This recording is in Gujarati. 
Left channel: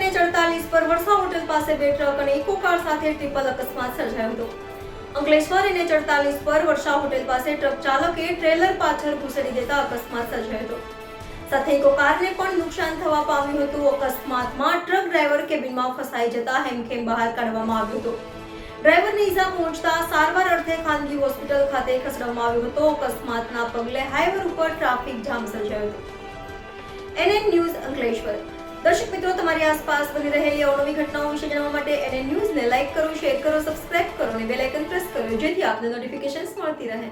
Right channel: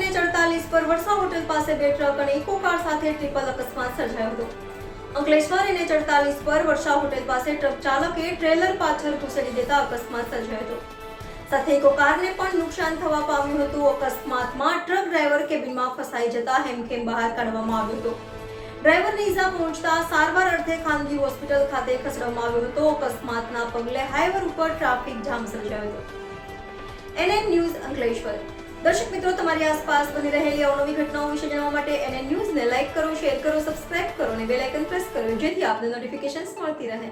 NH48 પર વર્ષા હોટેલ પાસે બે ટ્રક અને ઇકો કાર સાથે ટ્રિપલ અકસ્માત સર્જાયો હતો. અંકલેશ્વર NH48 પર વર્ષા હોટેલ પાસે ટ્રક ચાલકે ટ્રેલર પાછળ ઘુસેડી દેતા અકસ્માત સર્જાયો હતો. સાથે ઇકો કારને પણ નુકસાન થવા પામ્યું હતું. અકસ્માતમાં ટ્રક ડ્રાઈવર કેબિનમાં ફસાઈ જતા હેમખેમ બહાર કાઢવામાં આવ્યો હતો. ડ્રાઈવરને ઈજા પહોંચતા સારવાર અર્થે ખાનગી હોસ્પિટલ ખાતે ખસેડવામાં આવ્યો હતો. અકસ્માતના પગલે હાઈવે ઉપર ટ્રાફિક જામ સર્જાયો હતો. NN news Ankleshwar. દર્શક મિત્રો, તમારી આસપાસ બની રહેલી અવનવી ઘટનાઓ વિશે જાણવા માટે NN ન્યૂઝને લાઈક કરો, શેર કરો, સબસ્ક્રાઇબ કરો અને બેલ આઇકન પ્રેસ કરો, જેથી આપને નોટિફિકેશન્સ મળતી રહે.